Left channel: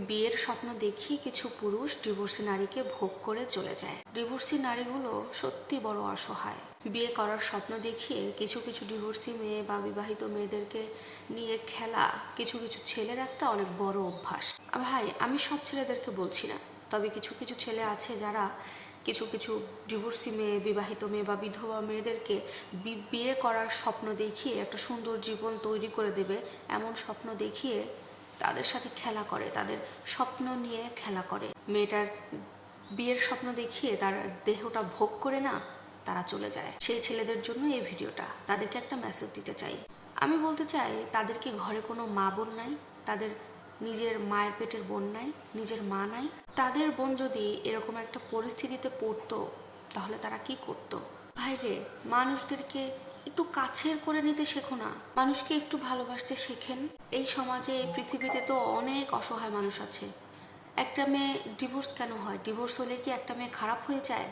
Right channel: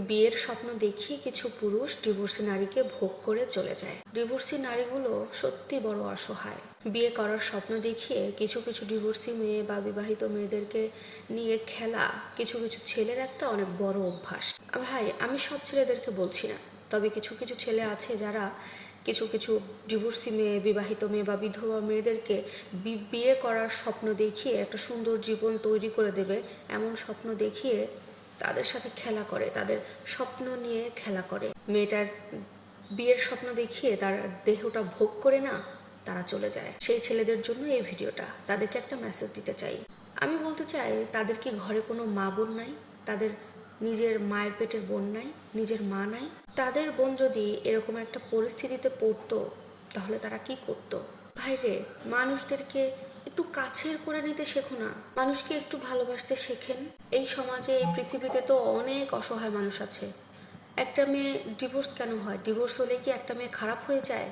বিয়ের স্বপ্ন দেখিয়ে কিছু পুরুষ ডিভোর্সি নারীকে ভোগ করে চলে যায়। ডিভোর্সি নারীগুলো সত্যি বড় অসহায়। বিয়ে করার স্বপ্ন দেখিয়ে কিছু কিছু ডিভোর্সি মেয়ে বা বিবাহিত মেয়েদেরকে নিয়ে খেলা কিছু কিছু ছেলের একটা অনেক বড় অভ্যাস। ভাই, আমি সব ছেলেদেরকে বলছি না। তবে কিছু কিছু ছেলে আছে যারা কিছু কিছু ডিভোর্সি মেয়ে, বিবাহিত মেয়ে বা বিধবা মেয়েদেরকে বিয়ে করার স্বপ্ন দেখিয়ে একটা সুন্দর জীবন তৈরি করে দেবে। এমন স্বপ্ন দেখিয়ে তাদের সাথে খেলা করে, তাদের স্বপ্ন নিয়ে খেলা করে। মেয়েটার বিয়ের স্বপ্ন দেখিয়ে তার দেহটা ভোগ করে না, তারা চলে যায়। সেই ছেলেদের জন্য এই ভিডিওটা, তাদেরকে একটা মেসেজ দিতে চাই। আমি বলতে চাই, তাদের কি ঘরে কোনো মা বোন নাই? তাদের নিজের মায়ের পেটের বোন নাই? নিজের মা নাই? তাদের বোন যদি এরকম একটা পরিস্থিতিতে পড়তো, তাহলে তারা কি করতো? ভাইরে, মানুষদেরকে একটু কাছের করে নিতে শেখো না। মানুষকে একটু ভালোবাসতে শেখেন। এই সমাজে, এই পৃথিবীতে তো অনেক অসহায় মানুষ আছে। একটা মেয়ে ডিভোর্স কেন হয়? ডিভোর্স হলে কি একটা মেয়ে খারাপ হয়ে যায়?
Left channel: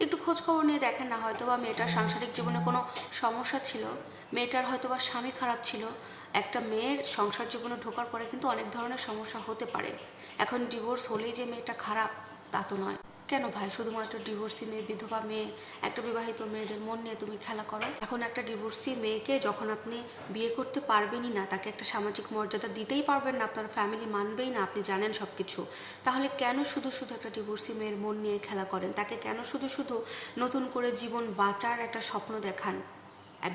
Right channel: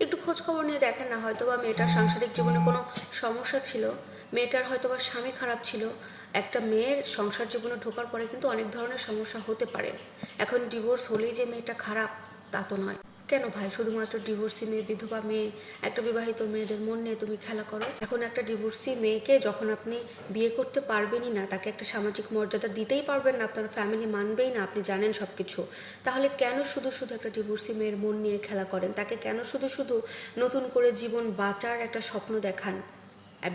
একটু খোঁজ খবর নিয়ে দেখেন না হয়তো বা মেয়েটার সাংসারিক জীবনে কোনো সমস্যা ছিল। মেয়েটার হয়তো বা স্বামী খারাপ ছিল। একটা মেয়ের সংসার জীবনে ঢোকার পরে কিন্তু অনেক ধরনের সমস্যা হতে পারে। এখন ডিভোর্স হলেই যে মেয়েটা খারাপ, তা তো নয়। কেন ভাই? শুধুমাত্র ডিভোর্সি মেয়ে, বিধবা মেয়ে, একটা বিবাহিত মেয়েদের মন নিয়ে তুমি খেলা করো। এখন একটা ডিভোর্সি মেয়েকে যখন আপনি বিয়ে করতে পারবেনই না, তাকে একটা সামাজিক মর্যাদা দিতেই পারবেন না, আপনার ফ্যামিলি মানবেই না, আপনি জানেন সব কিছু তাহলে কেন শুধু শুধু একটা ডিভোর্সি মেয়ের মন নিয়ে খেলা করেন? তাকে কেন শুধু শুধু নতুন করে জীবন বাঁচার একটা স্বপ্ন দেখান?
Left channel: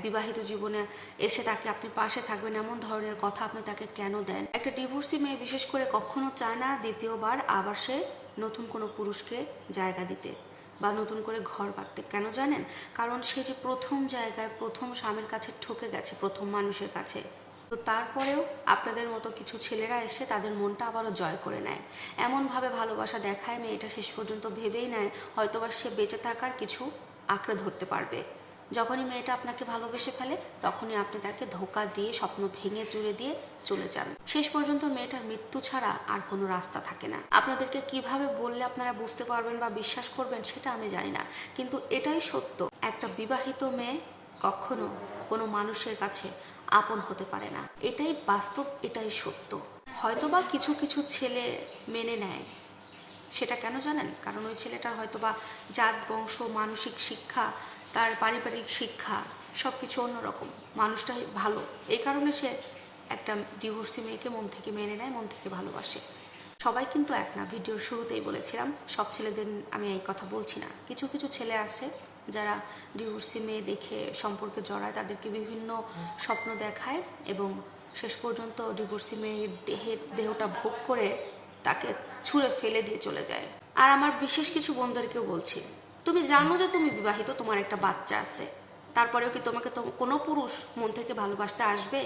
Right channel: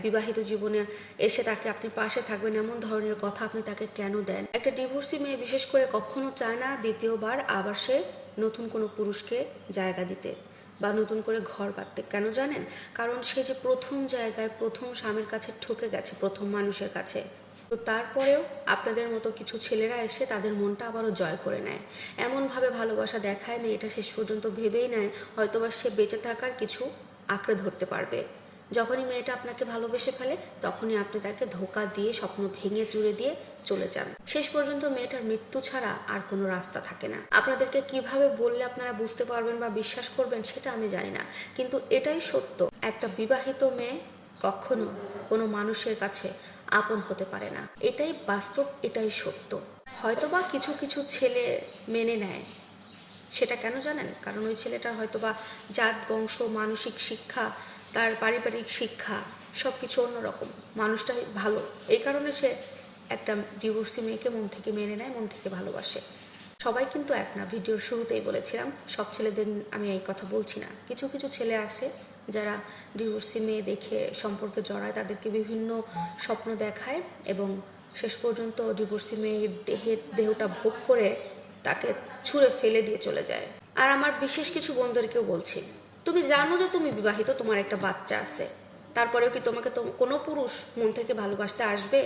বিবাহিত জীবনে এসে তাকে আপনি পাশে থাকবেন, এমন ধরনের কথা আপনি তাকে কেন দেন? একটা ডিভোর্সি মেয়ে বিশেষ করে কখনো চায় না, দ্বিতীয়বার আবার সে নতুন কোনো পুরুষকে জায়গা দিতে বা নতুন করে ঘর বাঁধতে। কেন জানেন? কারণ সে যে প্রথম জায়গায় প্রথম স্বামীর কাছে ঠকে গেছে, প্রথম মানুষের কাছে। তো তারপরেও আপনাদের মতো কিছু ছেলেরা এসে তাদের মনটা আবারও জয় করে নেয়। এমনভাবে ভালোবাসা দেখায়, মেয়েটা শেষ পর্যন্ত ভেবেই নেয়, হয়তোবা সে বেঁচে থাকার কিছু আঁকড়ে ধরতে পারবে। যখনই মেয়েটা আপনাকে ভালোবেসে ফেলে, তখনই আপনি তাকে ধোকা দিয়ে, স্বপ্ন ভেঙে চুরে দিয়ে চলে যান। শেষ পর্যন্ত মেয়েটার মৃত্যু ছাড়া আর কোনো রাস্তা থাকে না। আপনাদেরকে কীভাবে বললে আপনারা বুঝতে পারবেন বা বিশ্বাস করবেন সেটা আমি জানি না। কিন্তু এটাই সত্য, একটা বিবাহিত মেয়ে কখনো কোনো মানুষের কাছে আপন হতে পারে না। এটাই বাস্তব, এটাই সত্য। হয়তোবা কিছু কিছু ছেলে মেনে নেয়। সেটা কেন জানেন? কারণ ওই ছেলেটা হয়তো বা জাত, বংশ, মানসিক শিক্ষা তার পারিবারিক শিক্ষা সব কিছু অন্যরকম। মানুষটাই ভালো। এই কারণে সে একটা ডিভোর্সি মেয়েকে মন থেকে মেনে নেয়, মন থেকে ভালোবাসে। সবাই কিন্তু এক না। ভিডিওর শুরুতেই বলেছিলাম, সব ছেলেদের আমি এই কথা বলছি না। কিছু কিছু ছেলে আছে যারা ডিভোর্সি মেয়ে দেখে সম্পর্কে জড়ায়, তাদেরকে বিভিন্ন স্বপ্ন দেখায় এবং শেষ পর্যন্ত ডিভোর্সি মেয়ের দেহের দেহটা ভোগ করে তাকে ছুঁড়ে ফেলে দিয়ে চলে যায়। আর আমার বিশেষ কিছু বন্ধুদেরকেও বলছি তুমি জানো যে তুমি বিবাহিত, তোমার একটা বাচ্চা আছে। তারপরেও কি তোমাকে তো কোনো পুরুষ মন থেকে ভালোবাসতে আসবে?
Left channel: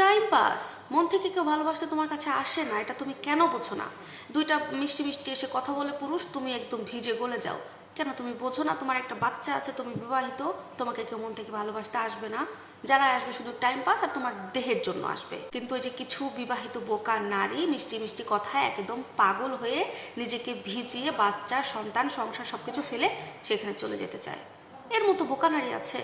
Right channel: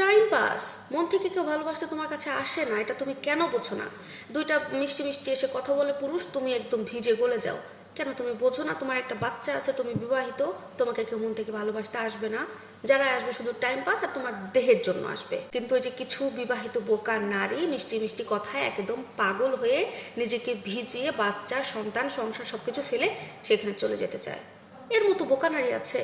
টাইম পাস মন থেকে কেউ ভালোবাসতে তোমার কাছে আসে না, এটা তুমি কেন বোঝো না? দুইটা মিষ্টি মিষ্টি এসে কথা বলে পুরুষ, তুমি একদম ভিজে গলে যাও। কেন তুমি বোঝো না, তোমার একটা বাচ্চা আছে, তুমি বিবাহিত, তোমাকে কেউ মন থেকে ভালোবাসতে আসবে না? যারা আসবে শুধু টাইম পাস আর তোমার দেহের জন্য আসবে। কিন্তু ওই যে কিছু বিবাহিত বোকা নারী মিষ্টি মিষ্টি কথায় একদম পাগল হয়ে নিজেকে ভিজিয়ে বাচ্চা, সন্তান, সংসার সবকিছু ফেলে সেখানে চলে যেতে চায়। এর মতো বোকা নারী আছে।